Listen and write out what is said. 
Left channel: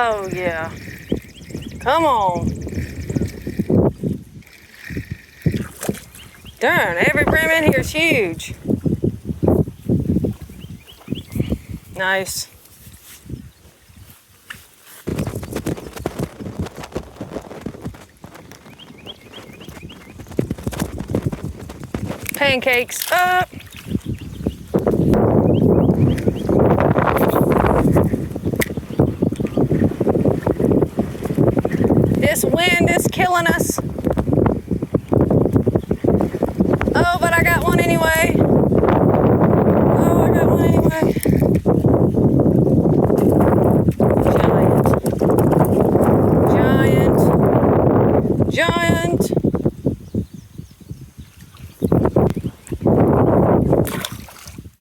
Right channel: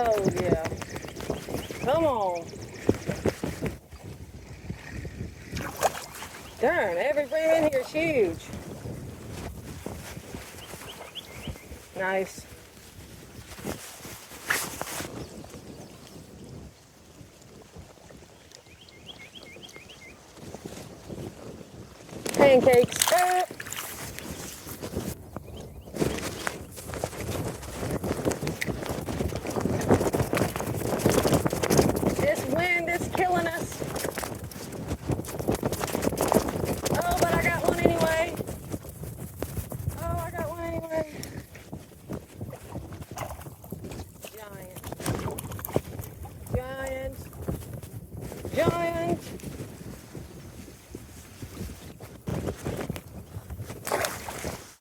Oh, yeah. Come on. Darn, every brim in here is huge. Nice. Pancakes up. This wind is killing us. Oh, but I got one anyway. Oh, I got one anyway. Giant. Giant. Giant.